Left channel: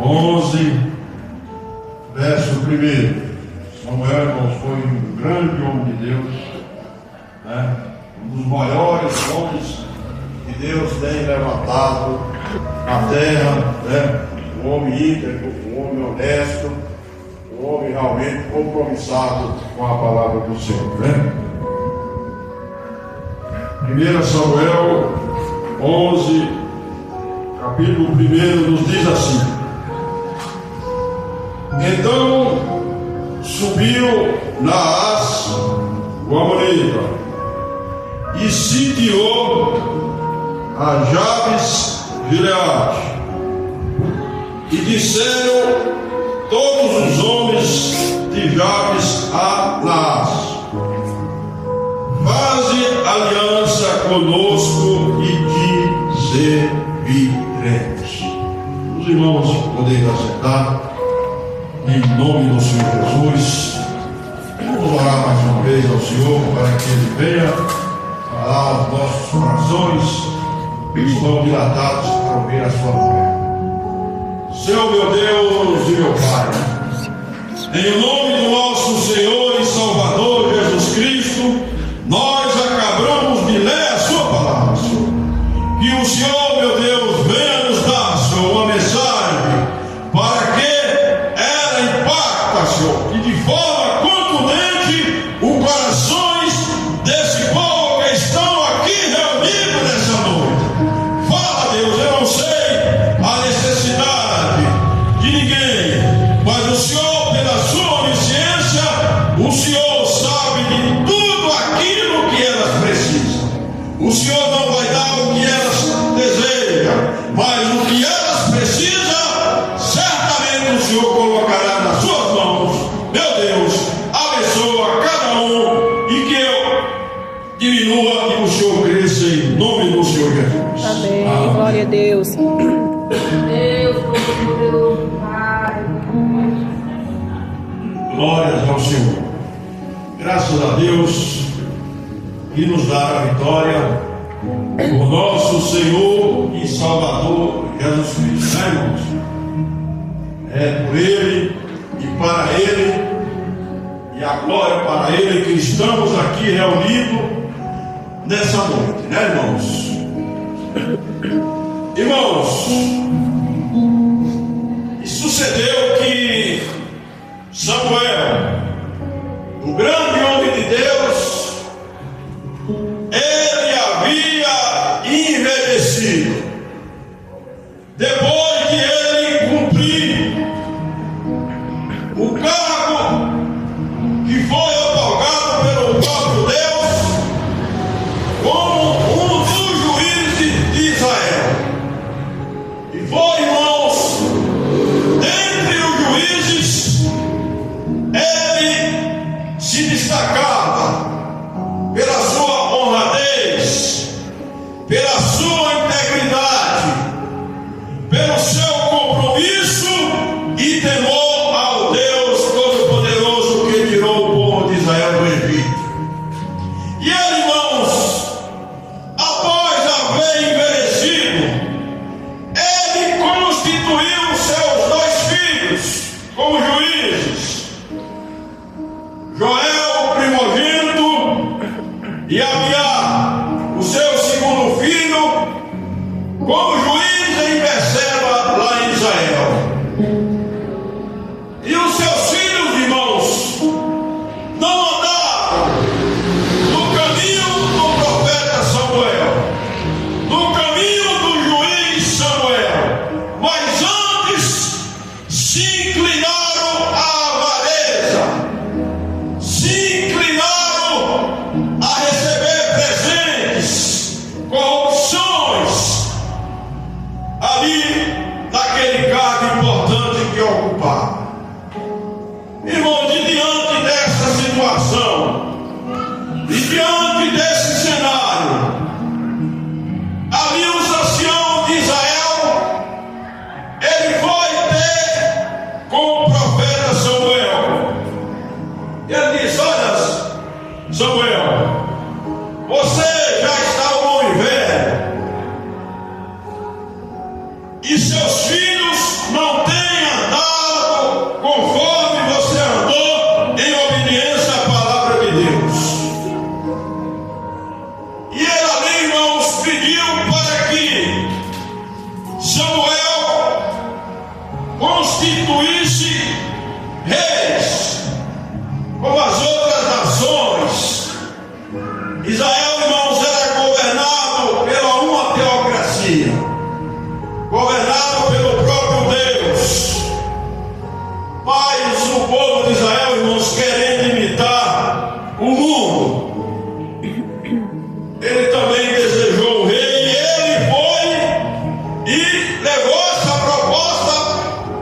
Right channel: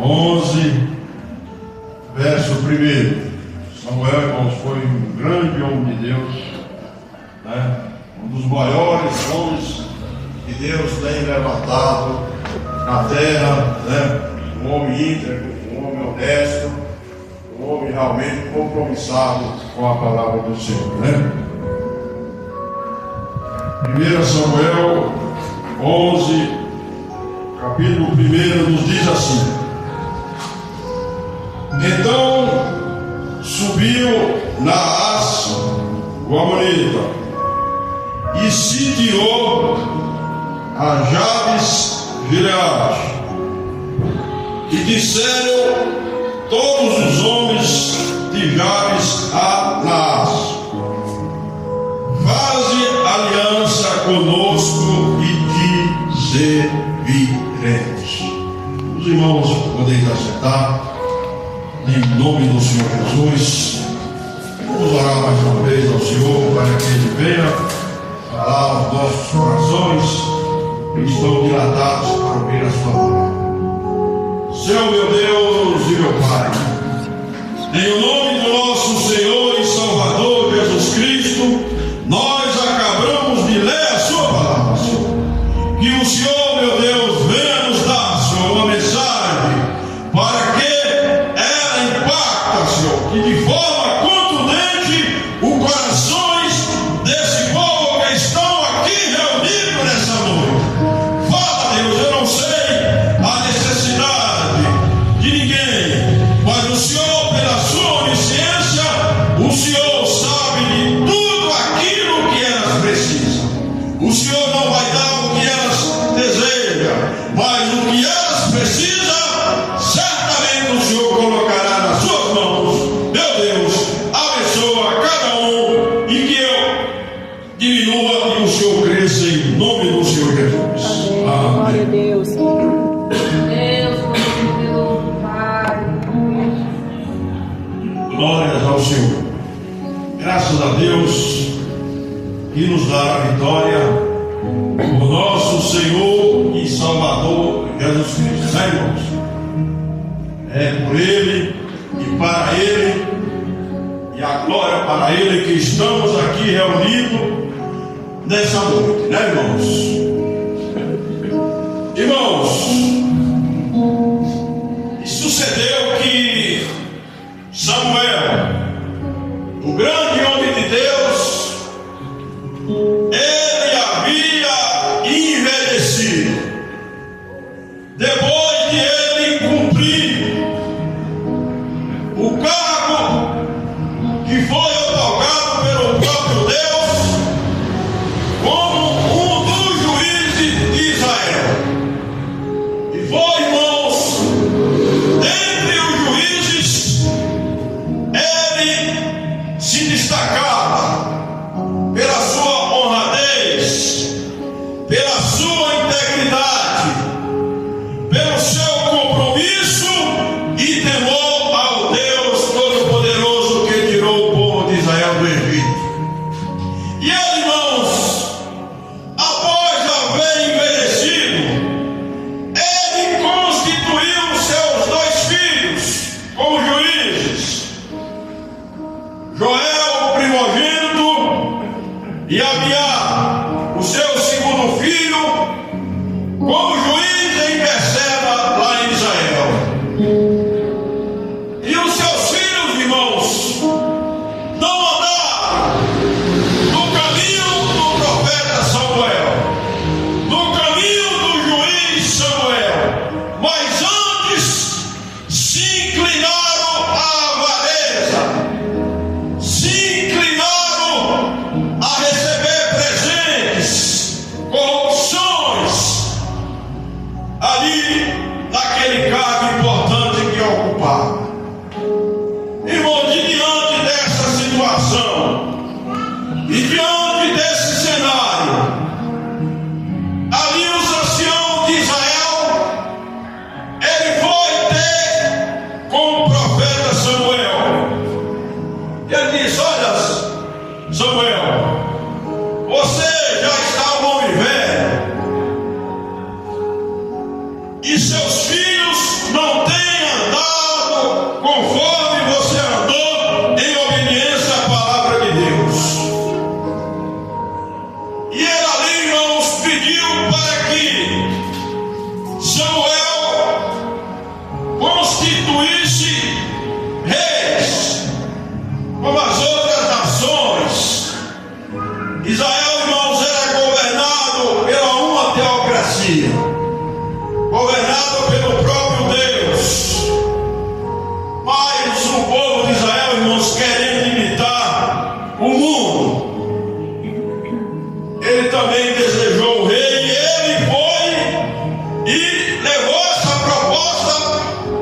11, verso 1. Samuel, irmãos, foi um grande homem de Deus, né? Um dos maiores homens que Deus tem levantado na terra, né? Um homem íntegro, um homem honesto, um homem realmente compromissado com a palavra do Senhor, né? 1 Samuel 11, capítulo 1, nos diz assim: Então subiu Naás, o amonita, e sitiou a Jabes Gileade. E disseram todos os homens de Jabes a Naás: Faze aliança conosco e te serviremos. Os irmãos podem assentar em nome do Senhor Jesus. Vamos orar mais uma vez ao Senhor para que Ele venha falar aos nossos corações que estão dilatados para ouvir a sua palavra. Senhor meu Deus e meu Pai, em nome do nosso Senhor e Salvador Jesus Cristo, nós acabamos de ler a sua palavra, Senhor. Que o Senhor, meu Deus, venha nos dar, Senhor, uma mensagem para que ela impacta, Senhor, e de forma contundente os corações desse povo que estão aqui reunidos nessa noite. Fala, Deus, eu não sei a necessidade de ninguém, mas o Senhor, pela sua onisciência, o Senhor sabe de tudo aquilo que elas precisam. O Senhor não vai dar o que elas desejam, mas o que elas precisam, certamente o Senhor colocará nas suas mãos. Meu Deus, abençoa cada um e que eu diminua e o Senhor cresça em nome do Senhor Jesus. Amém. Amém. Glória a Deus. Glórias ao Senhor. Graças a Deus que nos dá a vitória por nosso Senhor e Salvador Jesus Cristo, né, irmãos? É por Ele e para Ele e a glória para Ele que estamos aqui reunidos nessa noite, né, irmãos? Irmãos, e sucedeu que Samuel, o grande homem de Deus, ele havia envelhecido. Depois de ele cumprir o cargo que foi otorgado pelo próprio Deus como um dos juízes de Israel. E foi, irmãos, dentre os juízes, ele se destacava pela sua honradez, pela sua integridade, pelo seu compromisso e temor ao Deus Todo-Poderoso que tirou o povo de Israel do Egito. E ele, irmãos, após haver envelhecido, ele constituiu seus dois filhos como juízes, Joel, o primogênito, e Abiá, o seu segundo filho, como juiz em Berseba, lá em Israel. E os seus filhos, irmãos, não andaram no caminho do profeta Samuel, no caminho do juiz Samuel, mas antes se inclinaram à avareza, se inclinaram a receber constituísse reis, como as outras nações. Israel, irmãos, era governado pela uma teocracia, governado pelo próprio Deus. Mas o povo de Israel, irmãos, querendo imitar o mundo, ele também desejou o rei, e ele foi e levou essa proposta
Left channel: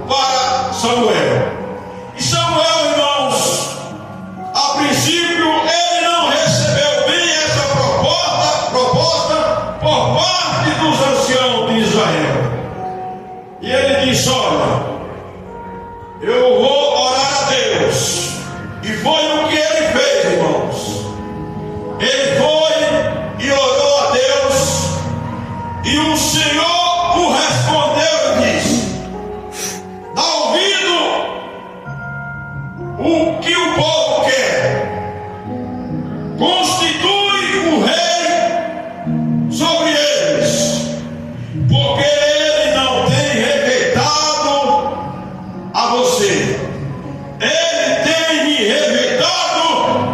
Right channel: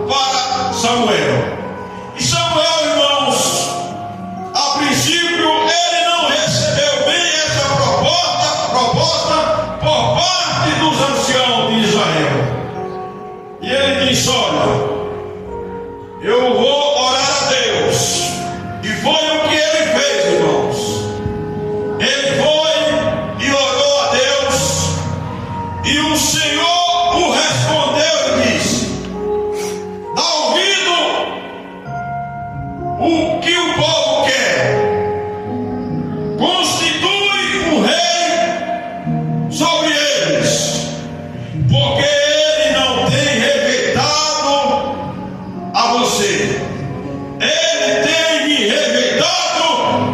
para Samuel. E Samuel, irmãos, a princípio ele não recebeu bem essa proposta por parte dos anciãos de Israel. E ele disse: olha, eu vou orar a Deus. E foi o que ele fez, irmãos. Ele foi e orou a Deus, e o Senhor o respondeu e disse: dá ouvido o que o povo quer, constitui um rei sobre eles, porque ele não tem rejeitado a você. Ele tem me rejeitado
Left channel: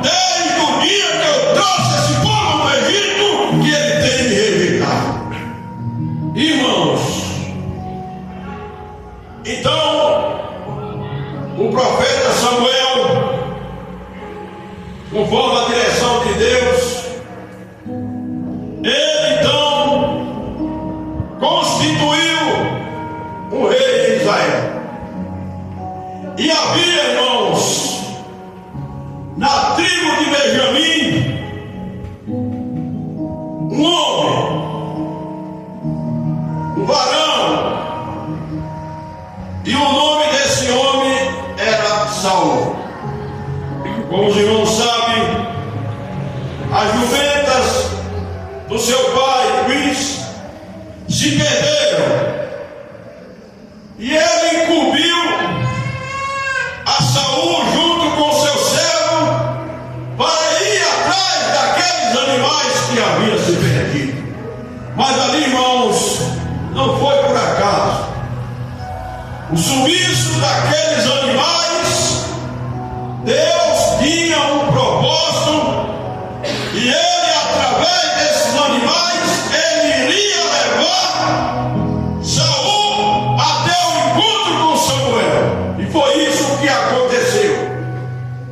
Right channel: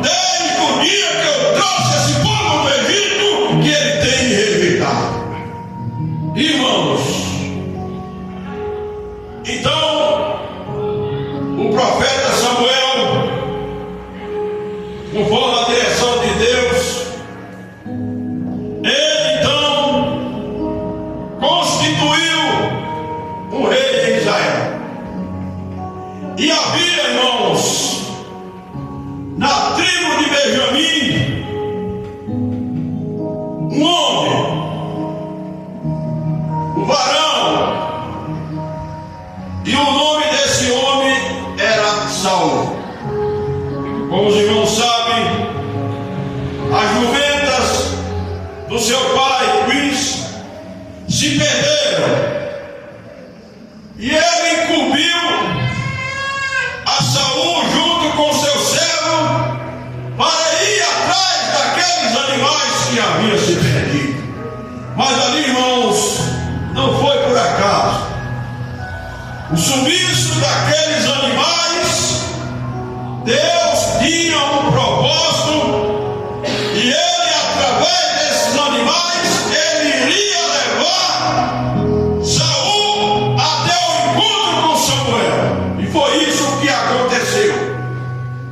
desde o dia que eu trouxe esse povo do Egito, que ele tem me rejeitado. Irmãos, então o profeta Samuel, conforme a direção de Deus, ele então constituiu um rei em Israel. E havia, irmãos, na tribo de Benjamim, um homem, um varão, e o nome desse homem era Saul. Como os irmãos sabem, as jumentas do seu pai, Luís, se perderam, e ele incumbiu a Saul junto com seu servo para ir atrás daqueles animais que haviam se perdido. Mas ali, irmãos, não foi por acaso. O sumiço daqueles animais, Deus tinha um propósito, e ele, através desses animais, ele iria levar Saul até o encontro com Samuel. E foi isso que aconteceu.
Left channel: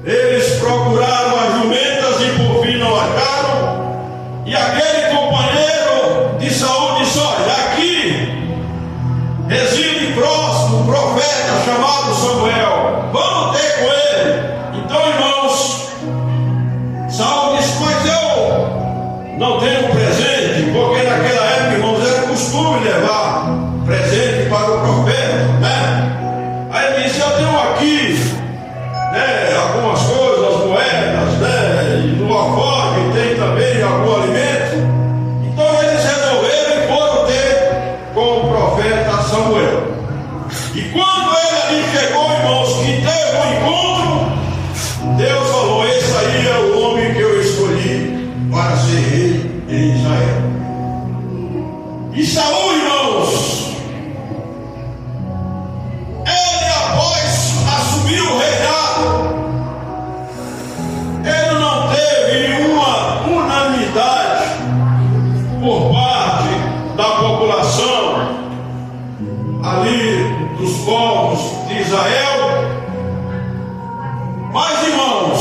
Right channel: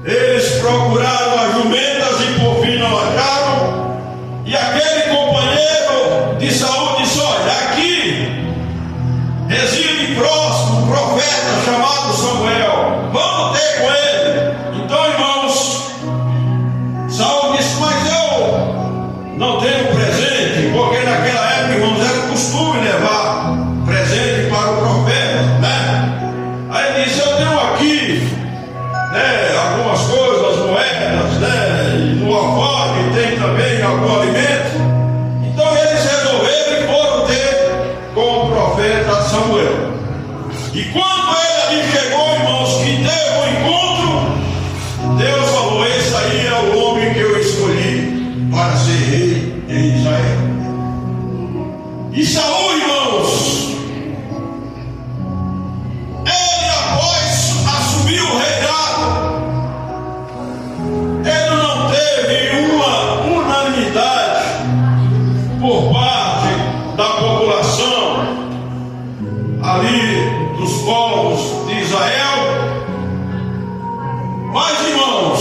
Eles procuraram as jumentas e por fim não acharam. E aquele companheiro de Saul disse: olha, aqui reside próximo um profeta chamado Samuel, vamos ter com ele. Então, irmãos, Saul disse: mas eu não tenho presente, porque naquela época, irmãos, era costume levar presente para o profeta, né? Aí ele disse: eu tenho aqui, né, algumas coisas, moedas, né, e no alforje tem também algum alimento. Então eles resolveram e foram ter com o profeta Samuel. E quando ele ali chegou, irmãos, que teve um encontro, Deus falou: esse aí é o homem que eu escolhi para ser rei em Israel. E Saul, irmãos, ele, após assumir o reinado, ele não teve uma unanimidade por parte da população ali dos povos de Israel. Mas, irmãos,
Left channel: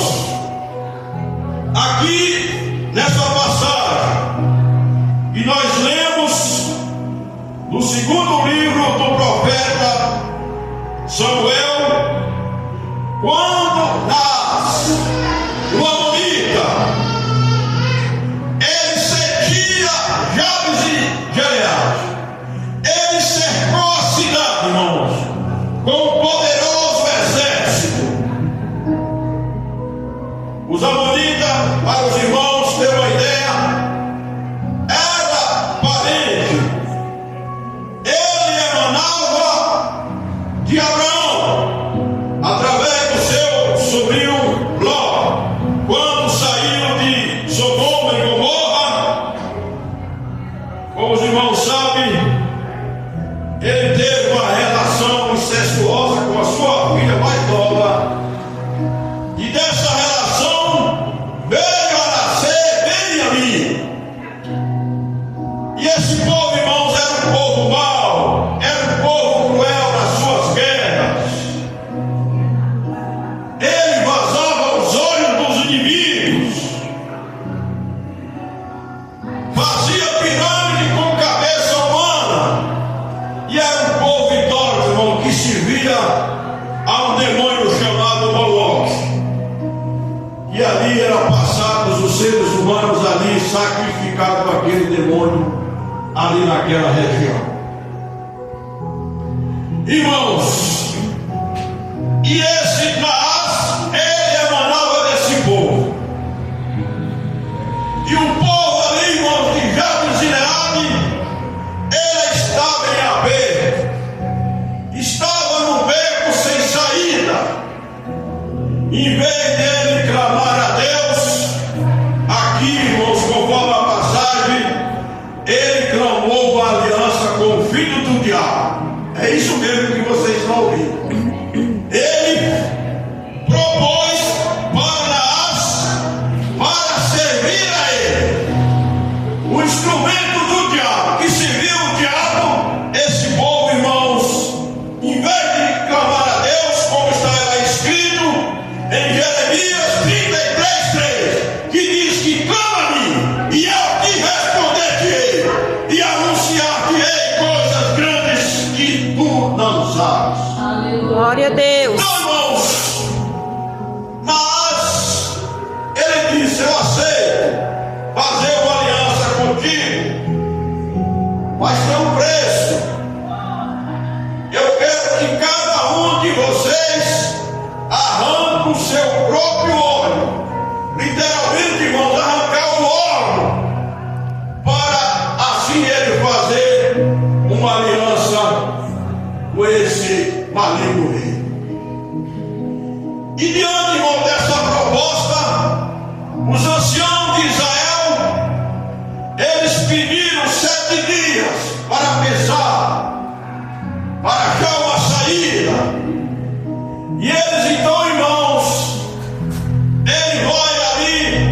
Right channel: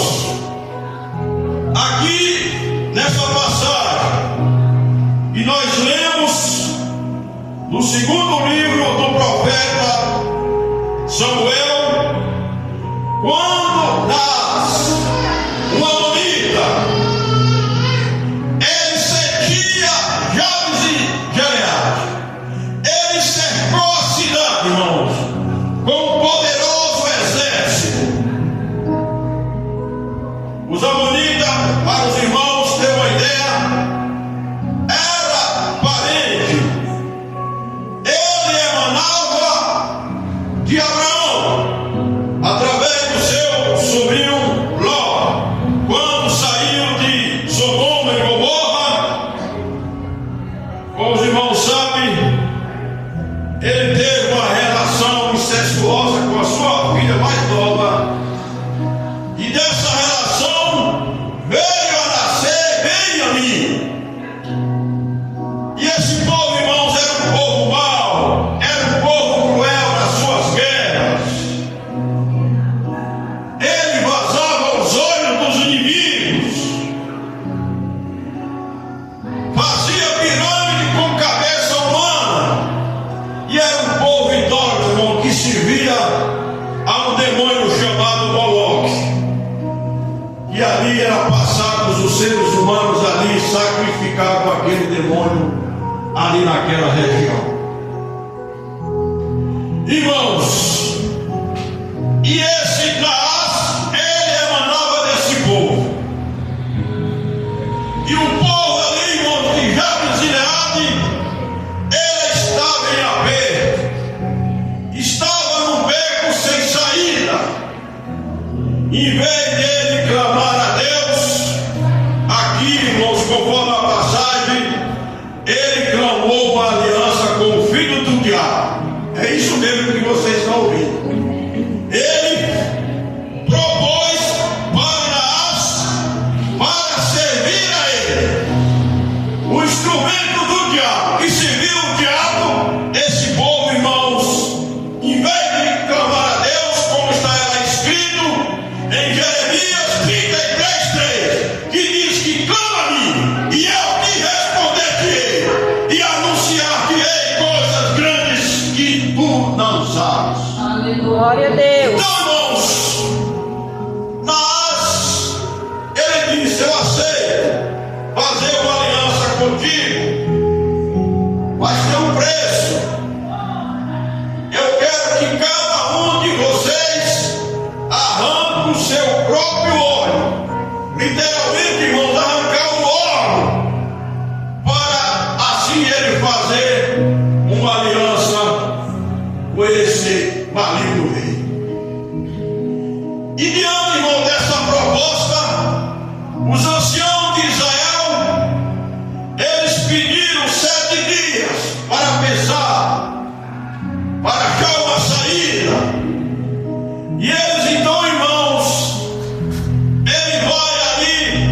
aqui nessa passagem, e nós lemos no segundo livro do profeta Samuel, quando nasce uma amonita, ele cedia Jabes e Gileade. Ele cercou a cidade, irmãos, com um poderoso exército. Os amonitas, para os irmãos terem uma ideia, era parente. Ele emanava ali naquela região. Irmãos, e esse Naás, ele emanava desse povo. E o povo ali, irmãos, de Jabes Gileade, ele estava em aperto, estava no beco sem saída. Em vez de ele clamar a Deus, aqui, irmãos, conforme a passagem, ele clamou uma aliança com o filho do diabo. É isso mesmo que vocês estão ouvindo. Ele propôs para Naás para servir a ele, o instrumento do diabo, que serviu o diabo. Esse povo, irmãos, em vez de clamar a Deus, como está escrito em Jeremias 33:3, que diz que clama-me e eu te responder-te-ei e anunciar-te-ei coisas grandes que tu não sabes. Glória a Deus. Então, irmãos, mas ele disse: eu aceito fazer uma aliança contigo, mas tem um preço. Eu quero que cada um de vocês arranque o seu próprio olho, literalmente, irmãos, arrancar o olho, para assim ele fazer uma aliança com esse maligno rei. E diante, irmão, dessa proposta, os anciãos de Israel, eles pediram 7 dias para pensar, para achar uma saída. E eles então, irmãos, ele vai ali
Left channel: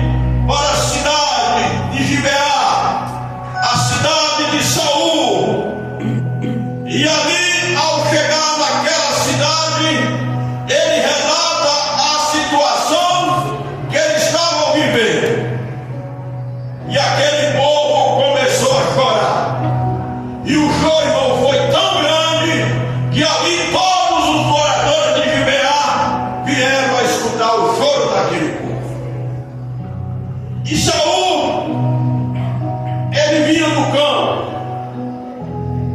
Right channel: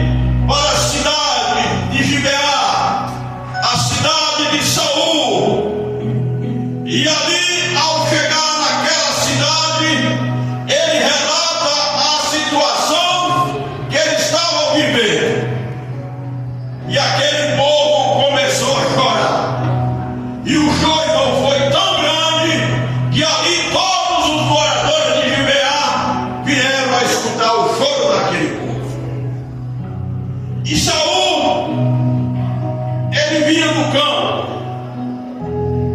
para a cidade de Gibeá, a cidade de Saul. E ali, ao chegar naquela cidade, ele relata a situação que eles estavam vivendo. E aquele povo começou a chorar. E o choro não foi tão grande que ali todos os moradores de Gibeá vieram a escutar o choro daquele povo. E Saul, ele vinha do campo.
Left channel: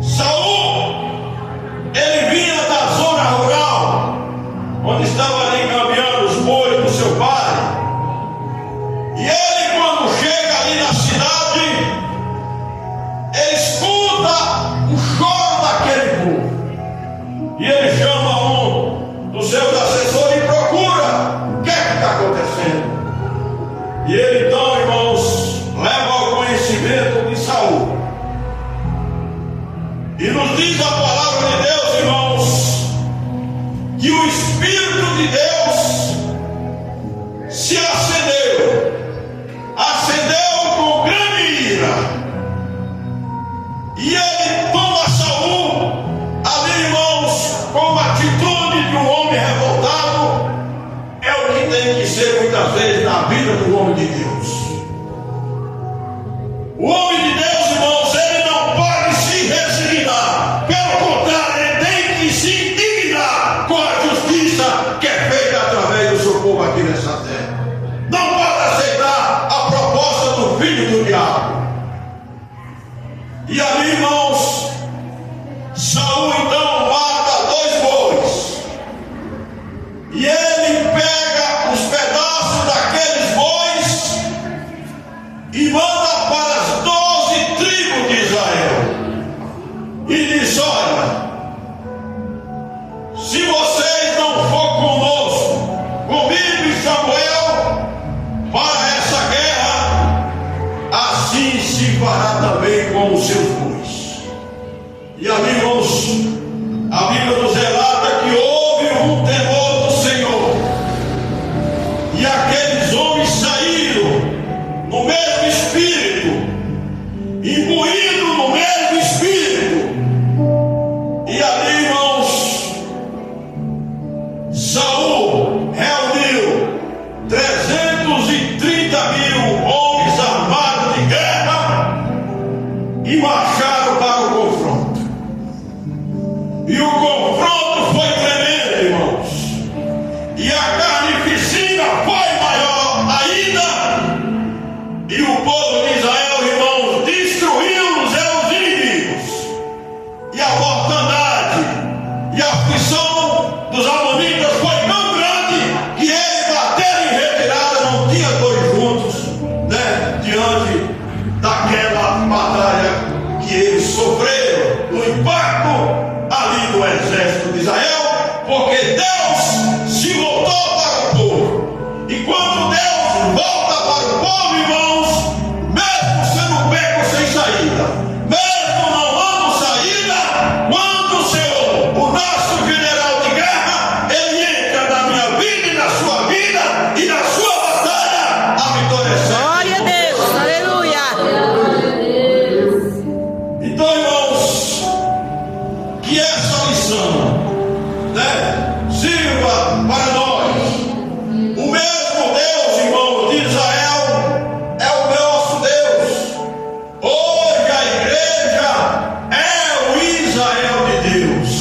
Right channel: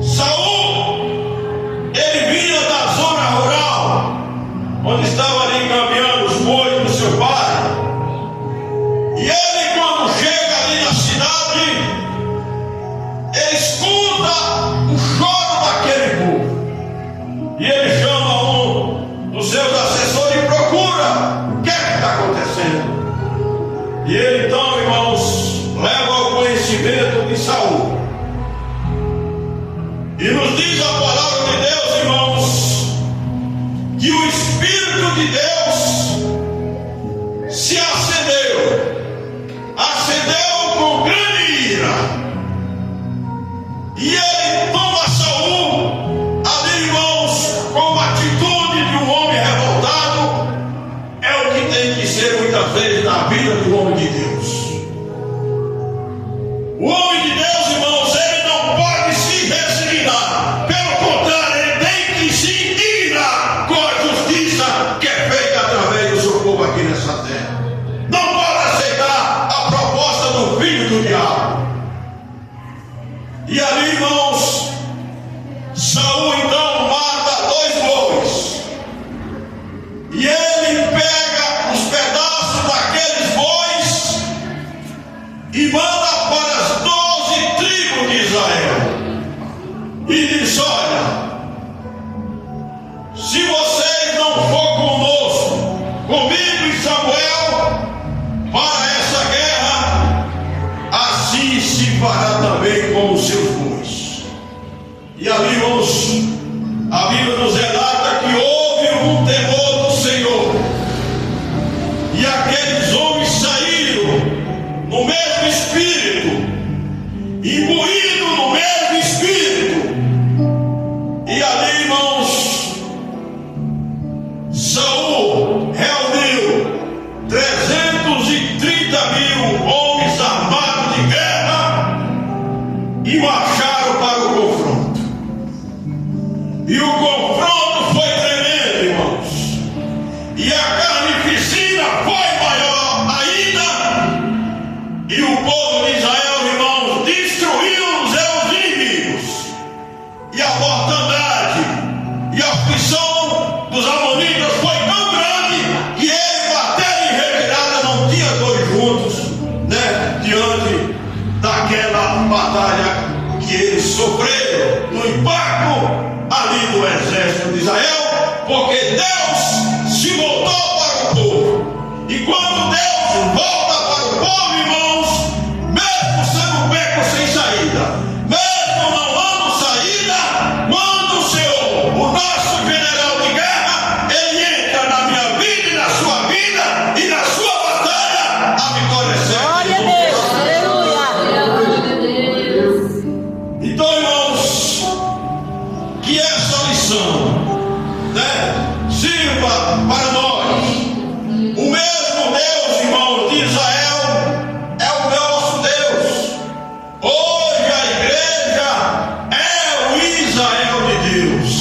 Saul, ele vinha da zona rural, onde estava ali encaminhando os bois do seu pai. E ele, quando chega ali na cidade, ele escuta o choro daquele povo. E ele chama um dos seus assessores e procura o que é que está acontecendo. E ele então, irmãos, leva ao conhecimento de Saul. E nos diz a palavra de Deus, irmãos, que o Espírito de Deus se acendeu com grande ira. E ele toma Saul ali, irmãos, com uma atitude de um homem revoltado. É o que tem que ser muitas vezes na vida do homem de Deus. O homem de Deus, irmãos, ele não pode se resignar. Pelo contrário, ele tem que se indignar com a justiça que é feita através do seu povo aqui nessa terra. Não pode aceitar a proposta do filho do diabo. E ali, irmãos, Saul então mata 2 bois. E ele pega os pedaços daqueles bois e manda para as 12 tribos de Israel. E diz: olha, se vocês não for conosco, comigo e Samuel, para essa guerra, assim se fará também com os seus bois. E ali, irmãos, a Bíblia nos relata que houve um temor do Senhor. E aqueles homens saíram no mesmo espírito, imbuídos no mesmo espírito. E ali, irmãos, Saul reuniu 330.000 homens armados de guerra e marcharam para o confronto. E o confronto foi tremendo, irmãos. E a carnificina foi maior ainda. E o povo de Israel, irmãos, destruiu os seus inimigos. aflição dos amonitas foi tão grande que eles bateram em retirada, não tinha dois juntos, né? Diante daquela batalha que eles sofreram, no impacto ali do exército de Israel, porque Deus se voltou para o povo. E quando Deus volta para o povo, irmãos, mesmo sendo beco sem saída, mesmo não dando saída, quando o Senhor, o nosso general de guerra, ele entra na minha vida e na sua vida e na sua batalha, a vitória é certa. Glória a Deus. Aleluia. Então, irmãos, que essa lição, né, sirva para nós. O mesmo Deus, irmãos, de Israel é o nosso Deus. Hoje a igreja é o Israel de Deus.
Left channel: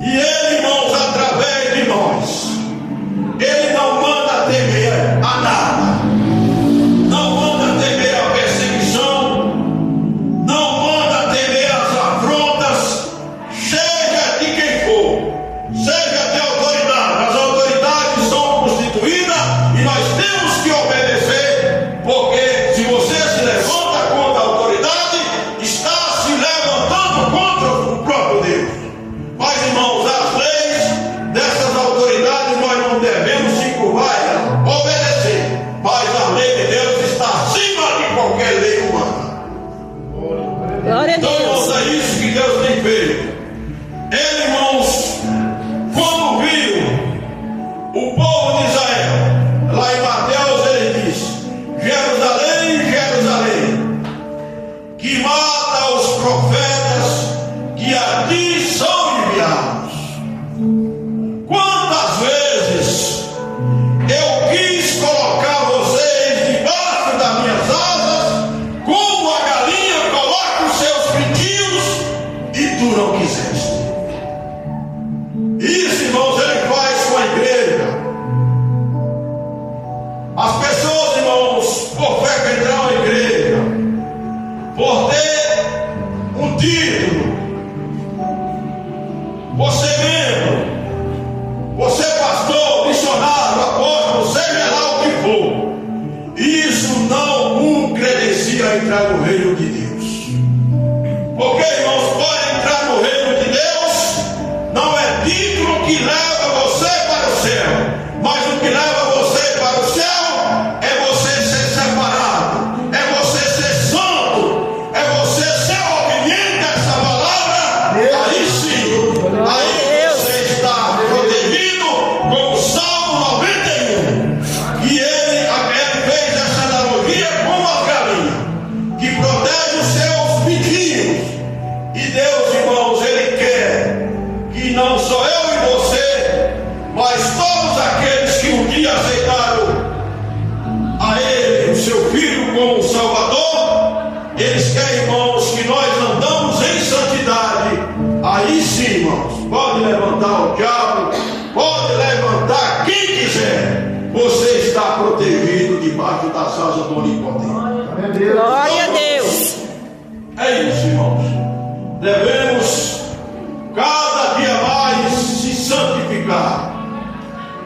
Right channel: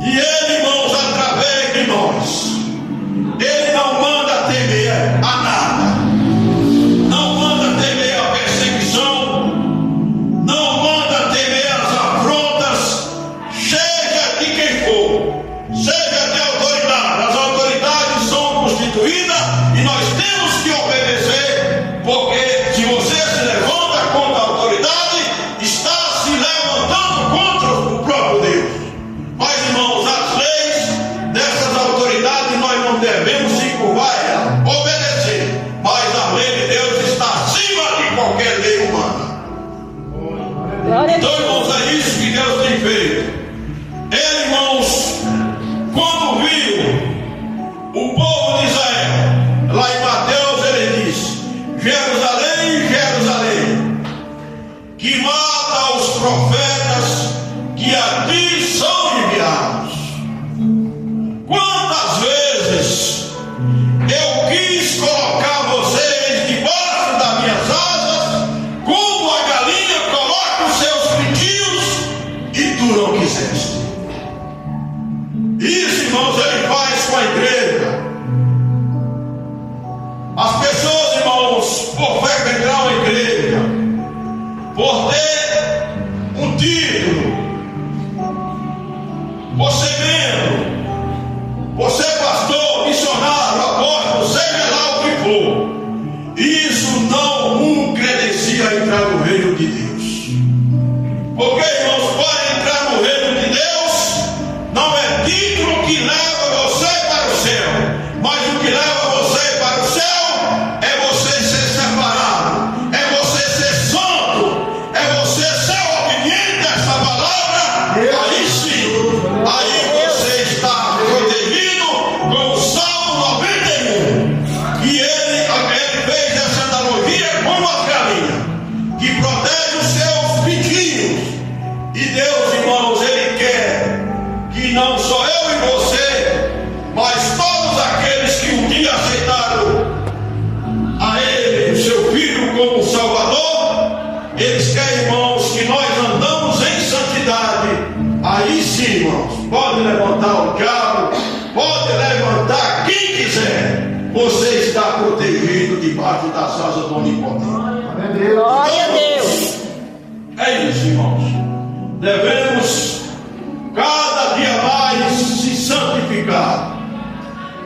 E Ele, irmãos, através de nós, Ele não manda temer a nada, não manda temer a perseguição, não manda temer as afrontas, seja de quem for, seja de autoridade. As autoridades são constituídas e nós temos que obedecer, porque se você se levanta contra a autoridade, está se levantando contra o próprio Deus. Mas, irmãos, as leis dessas autoridades nós não devemos se curvar a ela, obedecer, mas a lei de Deus está acima de qualquer lei humana. Glória a Então, irmãos, Deus. é isso que Deus tem feito. Ele, irmãos, quando viu o povo de Israel, lá em Mateus ele diz: Jerusalém, Jerusalém, que mata os profetas que a ti são enviados. Quantas vezes eu quis colocar vocês debaixo das minhas asas, como a galinha coloca os seus pintinhos, e tu não quiseste. Isso, irmãos, ele faz com a igreja. As pessoas, irmãos, por frequentar a igreja, por ter um título, você membro, você pastor, missionário, apóstolo, seja lá o que for, isso não credencia a entrar no reino de Deus. Porque, irmãos, para entrar no reino de Deus, não é título que leva você para o céu, mas o que leva você para o céu é você ser separado, é você ser santo, é você ser obediente a essa palavra. Aí sim, aí você está protegido com o Salmo 91, que ele fez essa analogia com as galinhas, que protege os seus pintinhos. E Deus, irmãos, ele quer que não só eu e você, mas todos aqueles que um dia aceitaram a Ele, o seu Filho, como Salvador, eles querem, irmãos, que nós andamos em santidade. Aí sim, irmãos, pode levantar o diabo, pode levantar quem quiser, você está protegido debaixo das asas do Onipotente. Glória a Deus. É isso, irmãos. Devemos cada dia mais se santificar,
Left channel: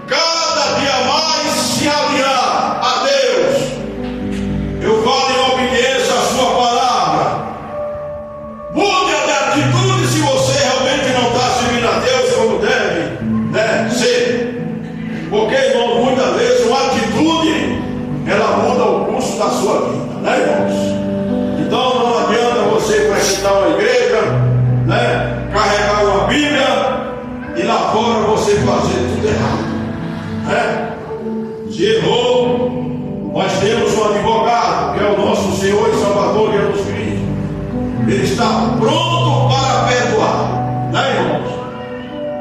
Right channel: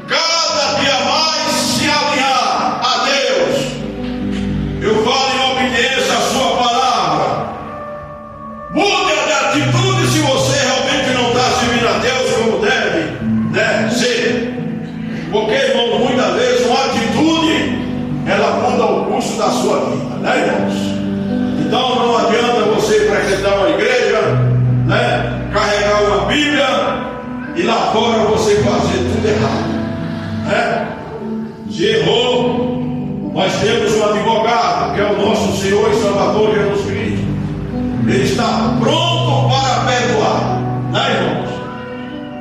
cada dia mais se alinhar a Deus. Eu falo em obediência à sua palavra. Mude de atitude se você realmente não está servindo a Deus como deve, né, ser. Porque, irmãos, muitas vezes uma atitude ela muda o curso da sua vida, né, irmãos? Então não adianta você frequentar uma igreja, né, carregar uma Bíblia e lá fora você fazer tudo errado, né? Se errou, nós temos um advogado que é o nosso Senhor e Salvador Jesus Cristo. Ele está pronto para perdoar, né, irmãos?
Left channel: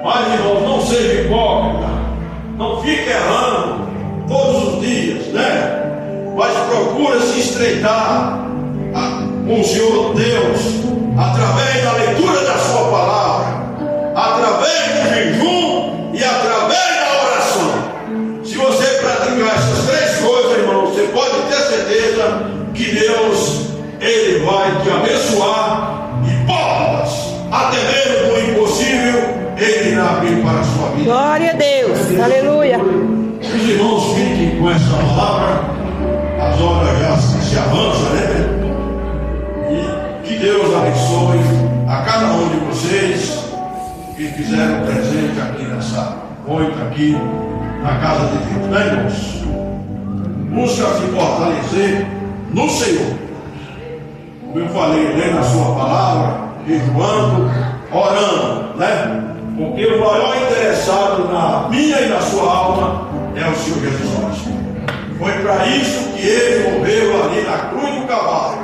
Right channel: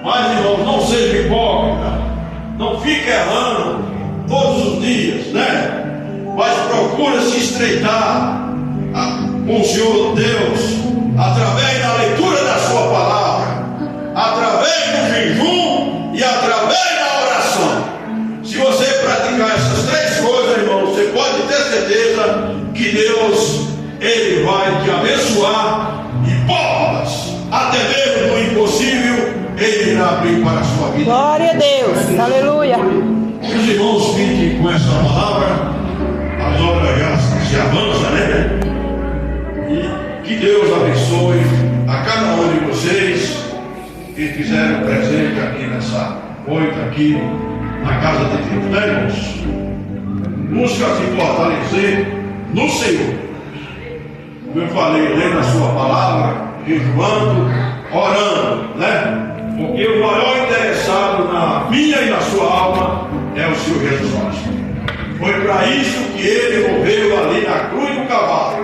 Mas, irmãos, não seja hipócrita, não fique errando todos os dias, né? Mas procura se estreitar com o Senhor Deus, através da leitura da sua palavra, através do jejum e através da oração. Se você praticar essas três coisas, irmão, você pode ter certeza que Deus, Ele vai te abençoar, e portas, até mesmo do impossível, Ele irá abrir para a sua vida. Glória a Deus. Aleluia. Os irmãos fiquem com esta palavra. As horas já se avançam, né? E que Deus abençoe a cada um de vocês que fizeram presente aqui nessa noite, aqui na casa de Deus, né, irmãos? Busca se fortalecer no Senhor. Eu falei, lendo a sua palavra, jejuando, orando, né? Porque o maior interessado na minha e na sua alma é o Senhor Jesus Cristo. Foi para isso que ele morreu ali na cruz do Calvário.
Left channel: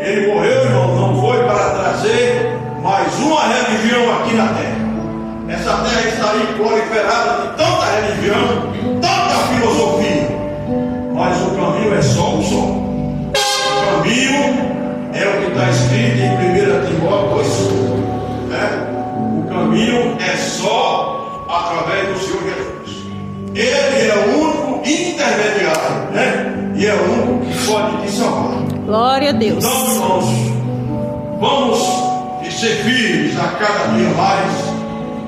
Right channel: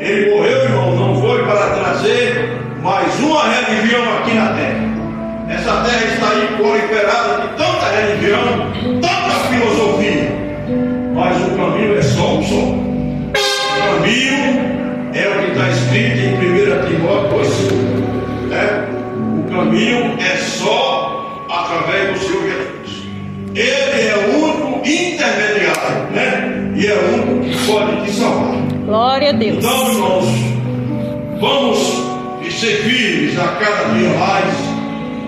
Ele morreu, irmão, não foi para trazer mais uma religião aqui na terra. Essa terra está aí proliferada de tanta religião, tanta filosofia. Mas o caminho é só um só. O caminho é o que está escrito em 1 Timóteo 2,5, né? O caminho é só através do Senhor Jesus. Ele é o único intermediário, né? E é o único que pode te salvar. Glória a Deus. Então, irmãos, vamos ser firmes a cada dia mais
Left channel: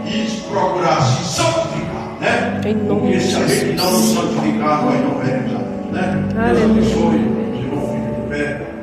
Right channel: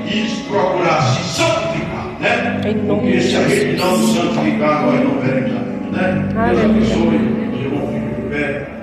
e procurar se santificar, né? Porque se a gente não se santificar, nós não veremos a Deus, né? Deus abençoe. Eu vou ficar de pé.